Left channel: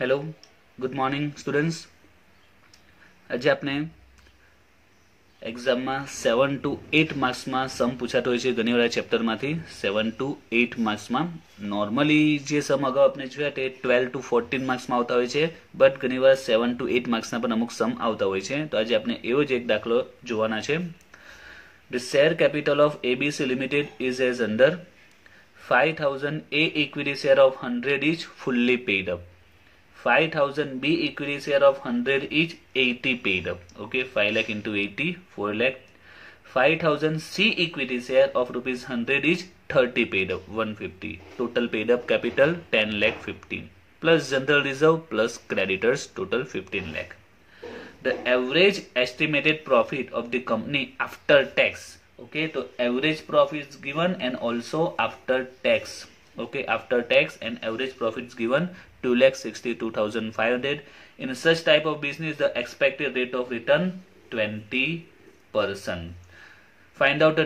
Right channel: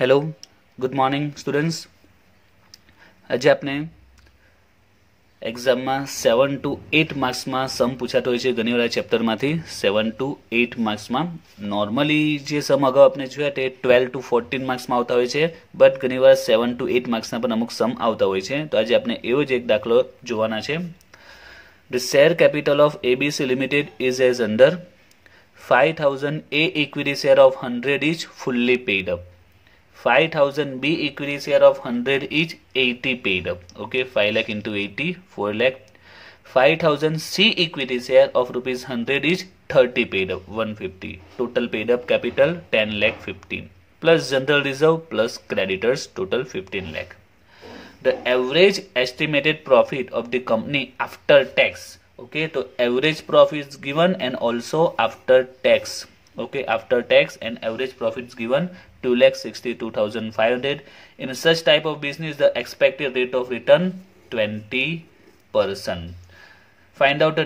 Hello good morning students. आज आपने exam में 7 to 8 मार्क्स में सम पूछाता होय छे घणी વાર चेप्टर मांथी 7 to 8 मार्क्स में नॉर्मली जे सम अगाउ आपने जोया ते 12 to 14 मार्क्स में आवता होय छे बट घणी વાર 7 to 8 मार्क्स ना पण अमुक सम आवता होय छे। तो आज आपने एवो ज एक दाखलो जोवाना छे। The share capital of ABC limited is as under 5000 A equity share of 100 each fully paid up, 5000 B equity share of 100 each 80 paid up. Okay, 5 lakh into 80 4 lakh. 5000 C equity share of rupees 100 each 30 paid up 150. Total paid up capital 10 lakh 15 plus general reserve plus creditors total 15 lakh. The average estimated profit of the company after tax. Okay, so average profit is given and also after tax. Okay, after tax and average profit is given 2,62,500. In such type of business, the expected rate of return 20%. Find out the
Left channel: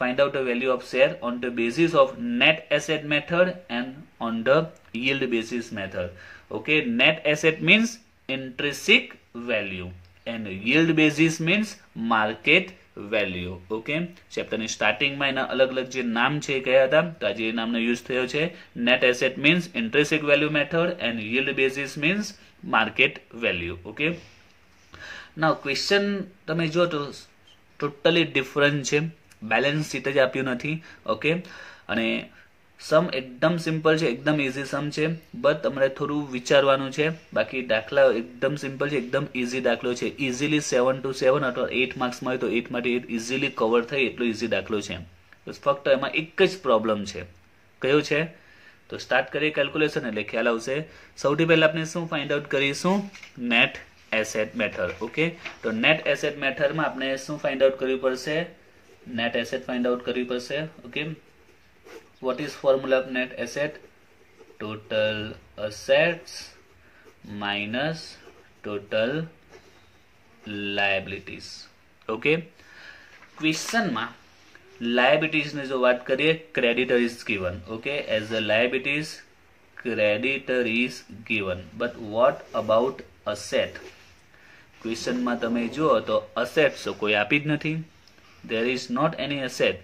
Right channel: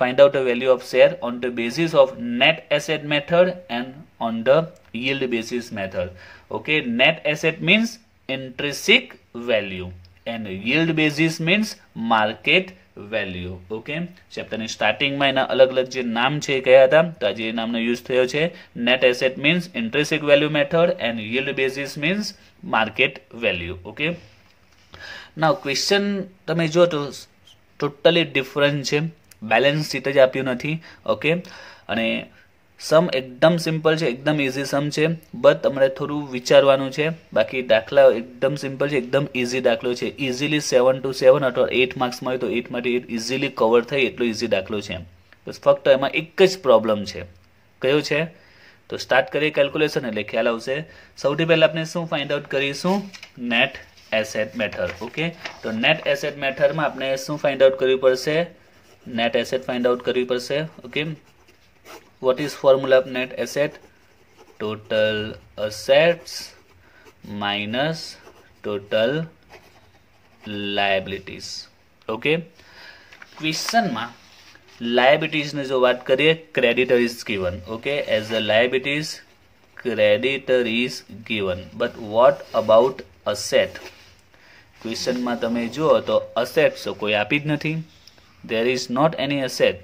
find out the value of share on the basis of net asset method and on the yield basis method. Okay, net asset means intrinsic value and yield basis means market value. Okay, chapter ની starting માં એના અલગ અલગ જે નામ છે કયા હતા તો આજે એ નામનો યુઝ થયો છે. net asset means intrinsic value method and yield basis means market value. Okay, now question તમે જો તો ટોટલી ડિફરન્ટ છે, બેલેન્સ શીટ જ આપ્યું નથી. ઓકે, અને સમ એકદમ સિમ્પલ છે, એકદમ ઇઝી સમ છે, બટ તમારે થોડું વિચારવાનું છે. બાકી દાખલા એકદમ સિમ્પલ છે, એકદમ ઇઝી દાખલો છે. ઇઝીલી 7 to 7 અથવા 8 માર્ક્સમાં હોય તો 8 માંથી 8 ઇઝીલી કવર થાય એટલો ઇઝી દાખલો છે. તો ફક્ત એમાં એક જ પ્રોબ્લેમ છે, કયો છે? તો સ્ટાર્ટ કરીએ કેલ્ક્યુલેશન એટલે ખ્યાલ આવશે. સૌથી પહેલા આપણે શું ફાઇન્ડ આઉટ કરીશું? Net asset method. ઓકે, તો નેટ એસેટ મેથડમાં આપણે શું ફાઇન્ડ આઉટ કરવી પડશે? નેટ એસેટ ફાઇન્ડ આઉટ કરવી પડશે. Okay, what is formula of net asset? Total assets minus total liabilities. Okay, question માં liabilities ને જો વાત કરીએ, creditor is given. Okay, as the liabilities creditor is given, but what about asset? question માં તમે જુઓ તો assets કોઈ આપી જ નથી. there is not any asset.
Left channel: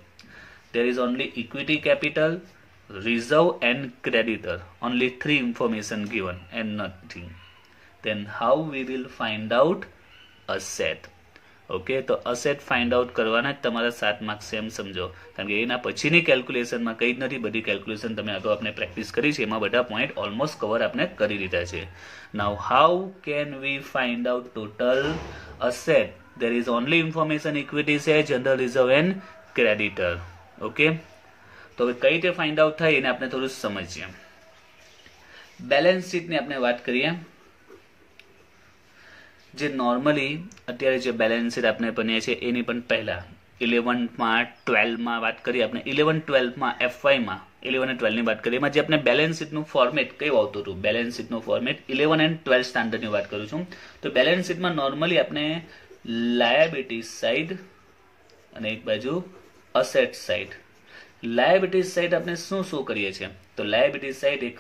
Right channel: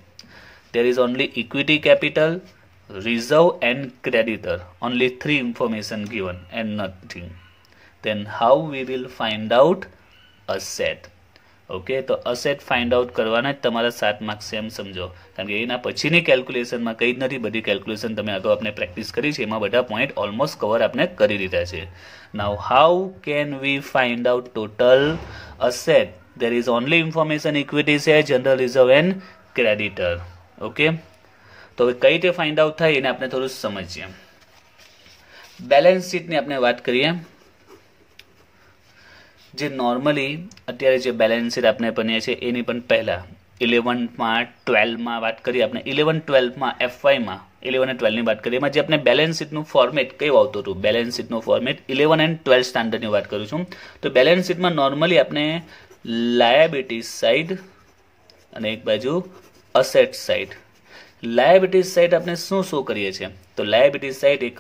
There is only equity capital, reserve and creditor. Only 3 information given and nothing. Then how we will find out asset? Okay, તો asset find out કરવાના જ તમારા 7 માર્ક્સ છે એમ સમજો. કારણ કે એના પછીની કેલ્ક્યુલેશનમાં કંઈ જ નથી, બધી કેલ્ક્યુલેશન તમે આ તો આપણે પ્રેક્ટિસ કરી છે, એમાં બધા પોઈન્ટ ઓલમોસ્ટ કવર આપણે કરી દીધા છે. Now how can we find out total asset? There is only information equity share, general reserve and creditor. Okay, તો હવે કઈ રીતે ફાઇન્ડ આઉટ થાય એને આપણે થોડું સમજીએ. બેલેન્સ શીટની આપણે વાત કરીએ. જે નોર્મલી અત્યારે જે બેલેન્સ શીટ આપણે બનીએ છીએ એની પણ પહેલા 11માં 12માં વાત કરીએ. આપણે 11-12માં FYમાં 11 અને 12ની વાત કરીએ. એમાં જે આપણે બેલેન્સ શીટનું ફોર્મેટ કેવું આવતું હતું? બેલેન્સ શીટનું ફોર્મેટ 11 and 12 સ્ટાન્ડર્ડની વાત કરું છું. તો બેલેન્સ શીટમાં નોર્મલી આપણે લાયબિલિટી સાઈડ અને એક બાજુ અસેટ સાઇડ. લાયબિલિટી સાઇડ આપણે શું શું કરીએ છીએ? તો લાયબિલિટી સાઇડ એક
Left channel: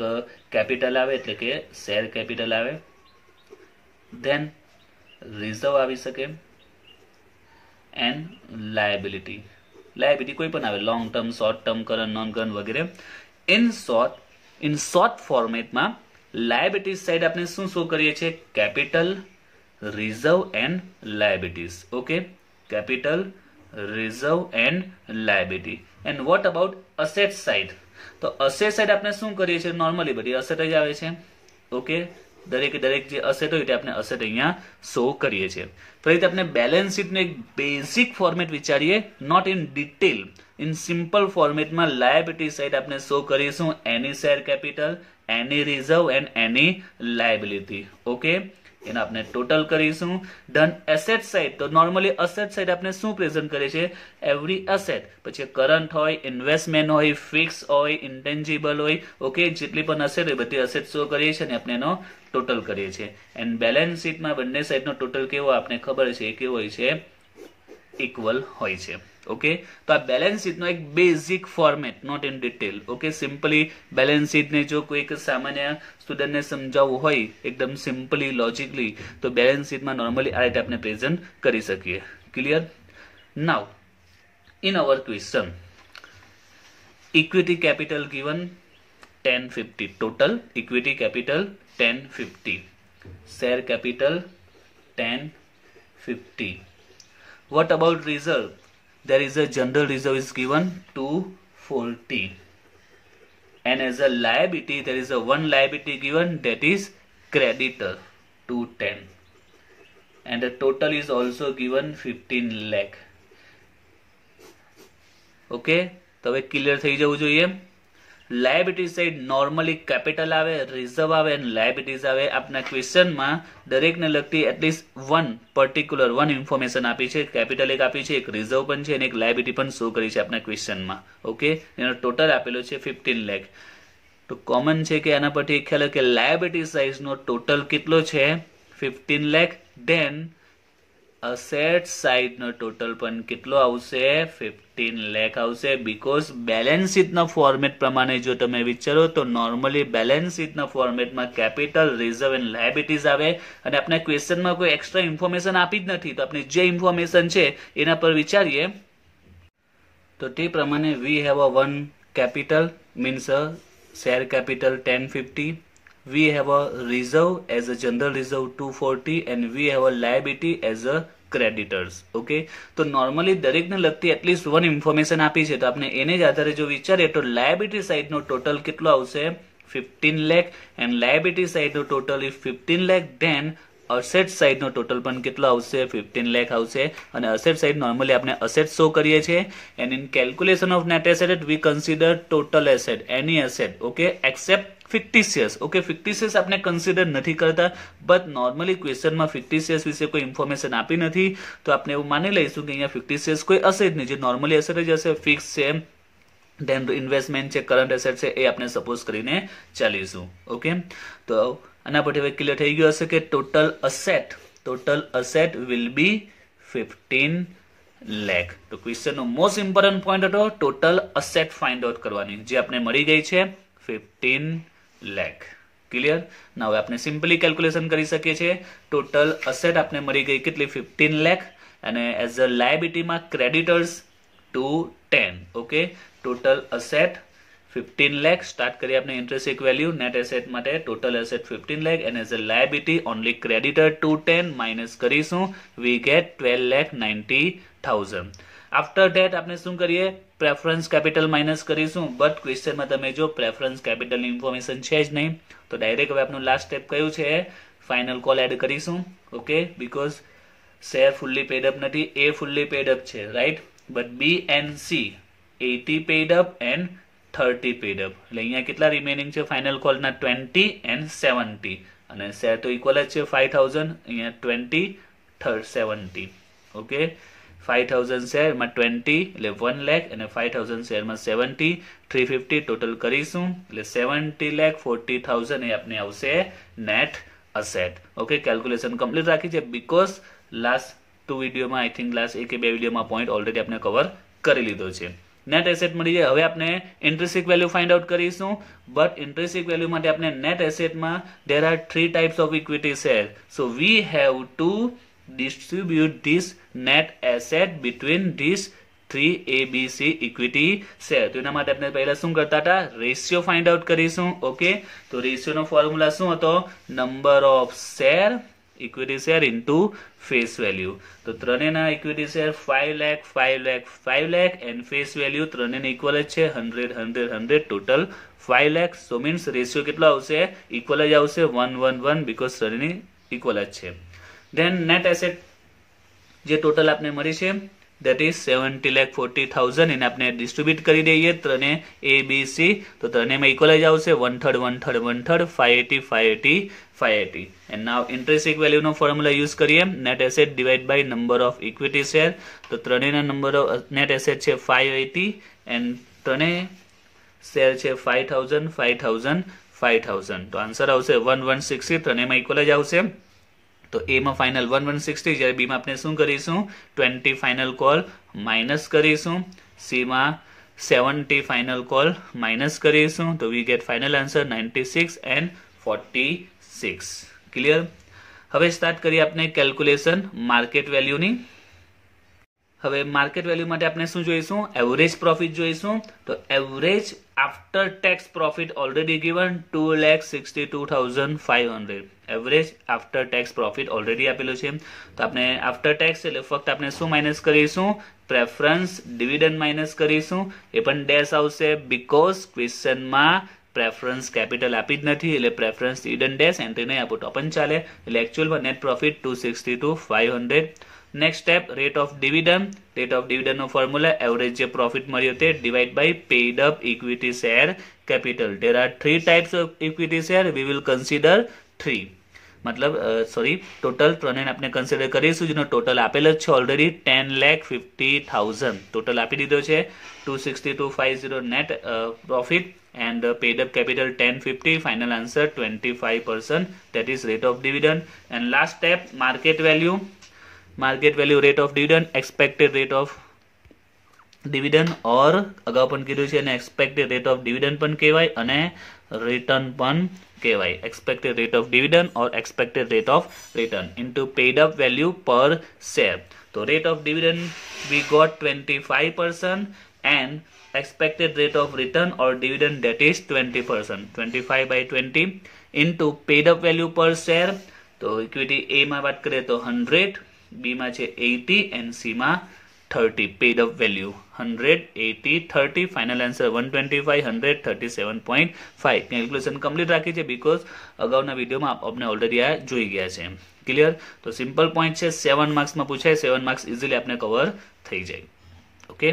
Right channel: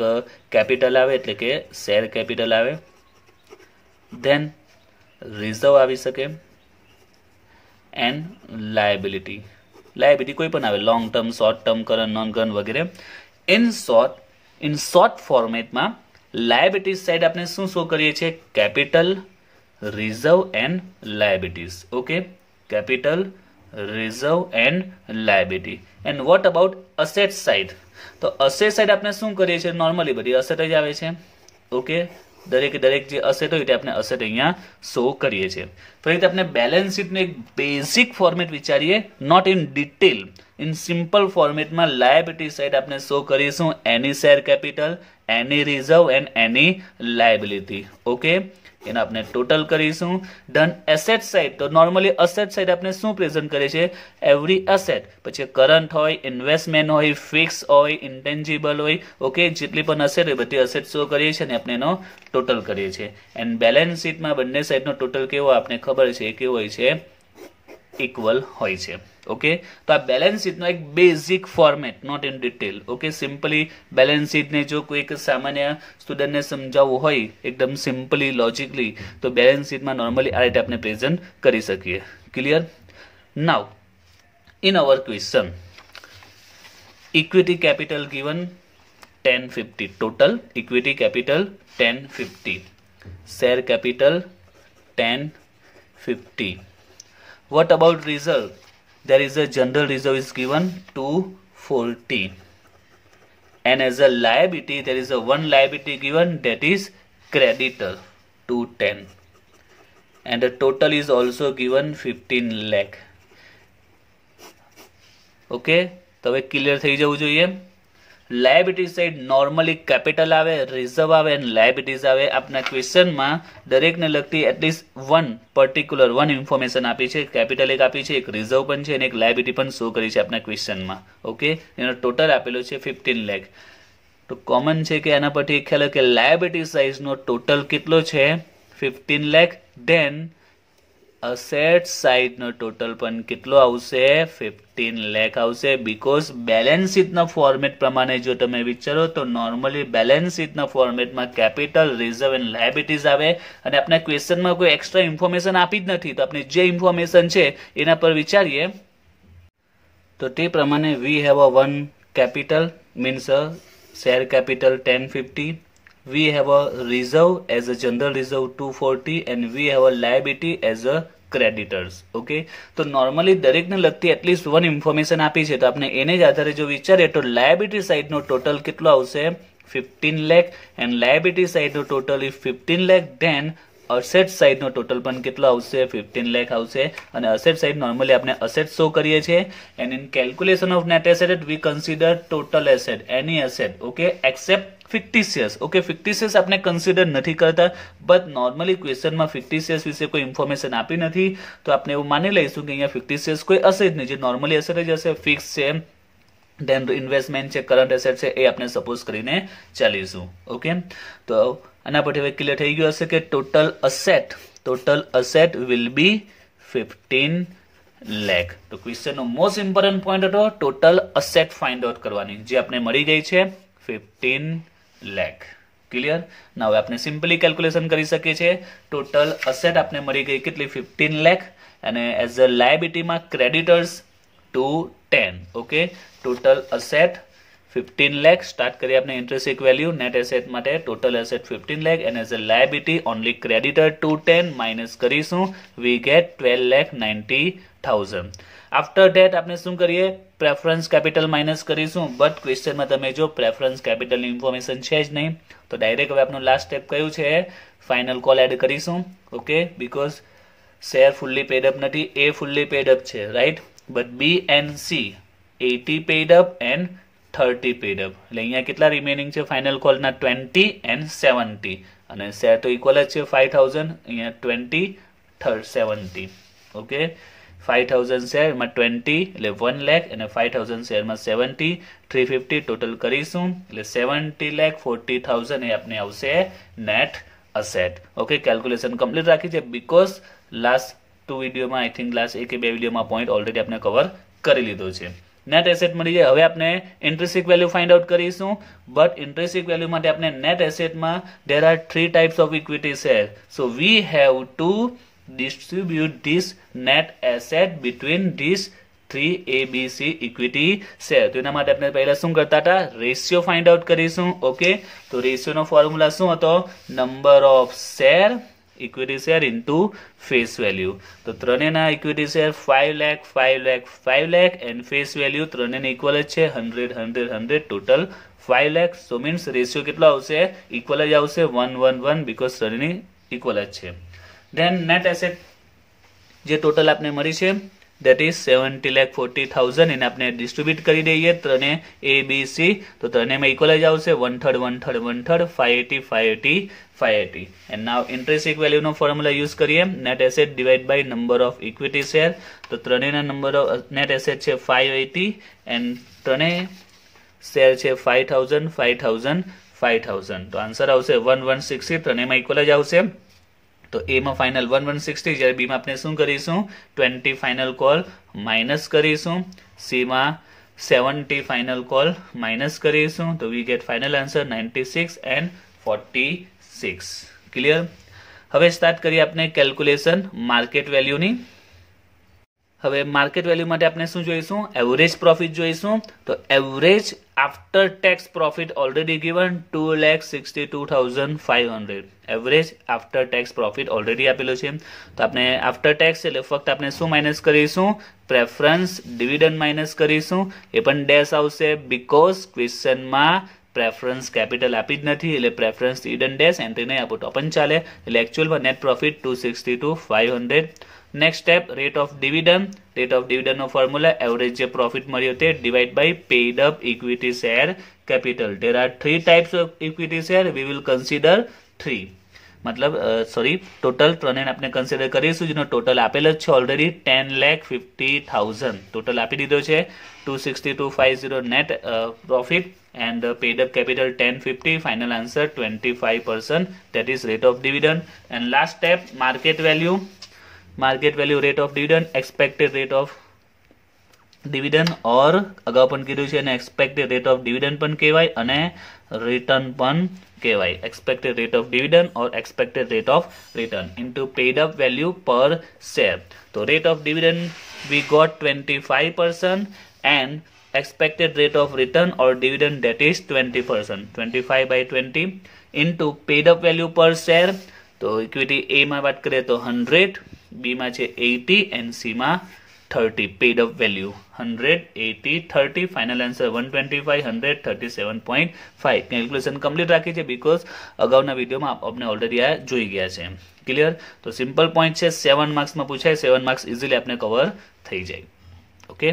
કેપિટલ આવે એટલે કે શેર કેપિટલ આવે, ધેન રિઝર્વ આવી શકે એન્ડ લાયબિલિટી. લાયબિલિટી કોઈ પણ આવે, long term, short term, current, non current વગેરે. ઇન શોર્ટ ફોર્મેટમાં લાયબિલિટી સાઇડ આપણે શું શું કરીએ છીએ? Capital, reserve and liabilities. Okay, capital, reserve and liability. And what about asset side? તો asset side આપણે શું કરીએ છીએ? નોર્મલી બધી અસેટ જ આવે છે. ઓકે, દરેક જે અસેટ હોય તે આપણે અસેટ અહીંયા શો કરીએ છીએ. તો એ રીતે આપણે બેલેન્સ શીટનું એક બેઝિક ફોર્મેટ વિચારીએ, not in detail, in simple ફોર્મેટમાં લાયબિલિટી સાઇડ આપણે શો કરીશું any share capital, any reserve and any liability. Okay, એને આપણે ટોટલ કરીશું. ધન એસેટ સાઇડ, તો નોર્મલી અસેટ સાઇડ આપણે શું પ્રેઝન્ટ કરીએ છીએ? એવરી એસેટ, પછી કરંટ હોય, ઇન્વેસ્ટમેન્ટ હોય, ફિક્સ હોય, ઇન્ટેન્જિબલ હોય. ઓકે, જેટલી પણ અસેટ હોય બધી અસેટ શો કરીએ છીએ અને આપણે એનો ટોટલ કરીએ છીએ. એન્ડ બેલેન્સ શીટમાં બંને સાઇડનો ટોટલ કેવો આપણે ખબર છે, કેવો હોય છે? ઇક્વલ હોય છે. ઓકે, તો આ બેલેન્સ શીટનો એક basic format, not in detail. Okay, simply balance શીટને જો કોઈક સામાન્ય સ્ટુડન્ટને સમજાવવું હોય એકદમ સિમ્પલી લોજિકલી, તો બેલેન્સ શીટમાં નોર્મલી આ રીતે આપણે પ્રેઝન્ટ કરી શકીએ. Clear? Now in our question, equity capital given 1050, total equity capital 1050, share capital 1050. What about reserve? There is a general reserve is given 240, and as a liability there is a one liability given, that is creditor 210, and the total is also given 15 lakh. Okay, તો હવે clear થઈ જવું જોઈએ. Liability side normally capital આવે, reserve આવે અને liabilities આવે. આપના ક્વેશ્ચનમાં દરેકને લગતી at least one particular one information આપી છે. કેપિટલ એક આપી છે, એક રિઝર્વ પણ છે અને એક લાયબિલિટી પણ શો કરી છે આપના ક્વેશ્ચનમાં. ઓકે, એનો ટોટલ આપેલો છે 15 લાખ. તો કોમન છે કે આના પરથી ખ્યાલ કે લાયબિલિટી સાઈઝનો ટોટલ કેટલો છે 15 લાખ. ધેન અસેટ સાઇડ નો ટોટલ પણ કેટલો આવશે 15 લાખ આવશે. બીકોઝ બેલેન્સ શીટના ફોર્મેટ પ્રમાણે જો તમે વિચારો તો નોર્મલી બેલેન્સ શીટના ફોર્મેટમાં કેપિટલ, રિઝર્વ એન્ડ લાયબિલિટીઝ આવે અને આપણે ક્વેશ્ચનમાં કોઈ એક્સ્ટ્રા ઇન્ફોર્મેશન આપી જ નથી. તો આપણે જે ઇન્ફોર્મેશન છે એના પર વિચારીએ તો તે પ્રમાણે we have a one capital means share capital 1050. We have a reserve as a general reserve 240 and we have a liability as a creditors. Okay, તો નોર્મલી દરેકને લગતી એટલીસ્ટ વન ઇન્ફોર્મેશન આપી છે તો આપણે એને જ આધારે જો વિચારીએ તો લાયબિલિટી સાઈડનો ટોટલ કેટલો આવશે 15 લાખ એન્ડ લાયબિલિટી સાઈડનો total is 15 lakh. Then asset સાઈડનો ટોટલ પણ કેટલો આવશે 15 લાખ આવશે. અને અસેટ સાઈડ નોર્મલી આપણે અસેટ શો કરીએ છીએ. And in calculation of net asset we consider total asset, any asset. Okay, except fictitious. Okay, fictitious આપણે કન્સિડર નથી કરતા, બટ નોર્મલી ક્વેશ્ચનમાં fictitious વિશે કોઈ ઇન્ફોર્મેશન આપી નથી તો આપણે એવું માની લઈશું કે અહીંયા fictitious કોઈ હશે જ નહીં. જે નોર્મલી એસેટ જ હશે, ફિક્સ છે, ધેન ઇન્વેસ્ટમેન્ટ છે, કરંટ એસેટ છે, એ આપણે સપોઝ કરીને ચાલીશું. ઓકે, તો આના પરથી હવે ક્લિયર થઈ ગયું હશે કે total asset will be 15 lakh. તો ક્વેશ્ચનનો મોસ્ટ ઇમ્પોર્ટન્ટ પોઈન્ટ હતો ટોટલ અસેટ ફાઇન્ડ આઉટ કરવાની, જે આપણે મળી ગઈ છે 15 લાખ. ક્લિયર? ના હવે આપણે સિમ્પલી કેલ્ક્યુલેશન કરી શકીએ છીએ. ટોટલ અસેટ આપણે મળી ગઈ કેટલી 15 લાખ અને એઝ અ લાયબિલિટીમાં creditors 210. Okay, total asset 15 lakh. Start કરીએ આપણે ઇન્ટ્રિન્સિક વેલ્યુ નેટ એસેટ માટે. Total asset 15 lakh and as a liability only creditor 210 minus કરીશું, વી ગેટ 12,90,000. આફ્ટર ધેટ આપણે શું કરીએ, પ્રેફરન્સ કેપિટલ માઇનસ કરીશું. બટ ક્વેશ્ચનમાં તમે જો પ્રેફરન્સ કેપિટલની ઇન્ફોર્મેશન છે જ નહીં તો ડાયરેક્ટ હવે આપણું લાસ્ટ સ્ટેપ કયું છે, ફાઇનલ કોલ એડ કરીશું. Okay, because share fully paid up નથી, એ ફુલ્લી પેડ અપ છે, right. But B and C 80 paid up and 30 paid up. એટલે અહીંયા કેટલા રિમેનિંગ છે ફાઇનલ કોલના 20 એન્ડ 70. અને શેર તો ઇક્વલ જ છે 5000, અહીંયા 20 70. ઓકે, 5000 શેરમાં 20 એટલે 1 લાખ અને 5000 શેરમાં 70, 350 ટોટલ કરીશું એટલે 70,40,000 એ આપણે આવશે net asset. Okay, calculation complete રાખી છે બીકોઝ લાસ્ટ 2 વિડીયોમાં આઈ થિંક લાસ્ટ 1 કે 2 વિડીયોમાં પોઈન્ટ ઓલરેડી આપણે કવર કરી લીધો છે. નેટ એસેટ મળી જાય. હવે આપણે ઇન્ટ્રિન્સિક વેલ્યુ ફાઇન્ડ આઉટ કરીશું. બટ ઇન્ટ્રિન્સિક વેલ્યુ માટે આપણે net એસેટમાં there are 3 types of equity share. So we have to distribute this net asset between these 3 ABC equity share. તો એના માટે આપણે પહેલા શું કરતા હતા, રેશિયો ફાઇન્ડ આઉટ કરીશું. ઓકે, તો રેશિયોનો ફોર્મ્યુલા શું હતો, number of share equity share into face value. તો ત્રણેયના equity share 5 lakh 5 lakh 5 lakh and face value ત્રણેયને ઇક્વલ જ છે 100 100 100 total 5 lakh. So means ratio કેટલો આવશે, ઇક્વલ જ આવશે 1:1 બીકોઝ ત્રણેયની ઇક્વલ જ છે. ધેન નેટ એસેટ જે ટોટલ આપણે મળી છે that is 70,40,000 એને આપણે ડિસ્ટ્રીબ્યુટ કરી દઈએ ત્રણે A B C. તો ત્રણેયમાં ઇક્વલ જ આવશે 1/3 1/3 1/3 580 580 580. એન્ડ નાવ ઇન્ટ્રિન્સિક વેલ્યુનો ફોર્મ્યુલા યુઝ કરીએ, net asset divide by number of equity share. તો ત્રણેયના નંબર ઓફ નેટ એસેટ છે 580 એન્ડ ત્રણેય શેર છે 5000 5000 5000. તો આન્સર આવશે 1160. ત્રણેયમાં ઇક્વલ જ આવશે. તો એ માં ફાઇનલ 1160, જ્યારે બી માં આપણે શું કરીશું 20 ફાઇનલ કોલ માઇનસ કરીશું, સી માં 70 ફાઇનલ કોલ માઇનસ કરીશું, તો we get final answer 96 and 46. Clear? હવે સ્ટાર્ટ કરીએ આપણે કેલ્ક્યુલેશન માર્કેટ વેલ્યુની. હવે માર્કેટ વેલ્યુ માટે આપણે શું જોઈશું? એવરેજ પ્રોફિટ જોઈશું. તો average after tax profit already given 2,62,500. Average after tax profit already આપેલો છે. તો આપણે આફ્ટર ટેક્સ એટલે ફક્ત આપણે શું માઇનસ કરીશું? પ્રેફરન્સ ડિવિડન્ડ માઇનસ કરીશું. એ પણ ડેશ આવશે બીકોઝ ક્વેશ્ચનમાં પ્રેફરન્સ કેપિટલ આપી જ નથી, એટલે પ્રેફરન્સ ડિવિડન્ડ ડેશ એન્ટ્રી નહીં આપો તો પણ ચાલે. એટલે એકચ્યુઅલમાં net profit 262,500. Next step rate of dividend. Rate of dividend નો ફોર્મ્યુલા એવરેજ જે પ્રોફિટ મળ્યો તે divide by paid up equity share capital. There are 3 types of equity share, we will consider 3. મતલબ ટોટલ 3 આપણે કન્સિડર કરીશું, જેનો total આપેલ જ છે ઓલરેડી 10,50,000 ટોટલ આપી દીધો છે. 262,500 net profit and paid up capital 1050, final answer 25%, that is rate of dividend. And last step market value. Market value rate of dividend, expected rate of dividend, or અગાઉ પણ કીધું છે અને expected rate of dividend પણ કહેવાય અને return પણ કહેવાય. expected rate of dividend or expected rate of return into paid up value per share. So rate of dividend we got 25% and expected rate of return or dividend that is 20%. 25 by 20 into paid up value per share. તો equity એ માં વાત કરીએ તો 100, બી માં છે 80 and C માં 30. Paid up value 100, 80, 30. Final answer 125, 100, 37.5. Calculation complete રાખી છે બીકોઝ અગાઉના વિડીયોમાં આપણે ઓલરેડી આ જોઈ ગયા છે. ક્લિયર? તો સિમ્પલ પોઈન્ટ છે, 7 માર્ક્સમાં પૂછાય, 7 માર્ક્સ ઇઝીલી આપણે કવર થઈ જાય. ઓકે.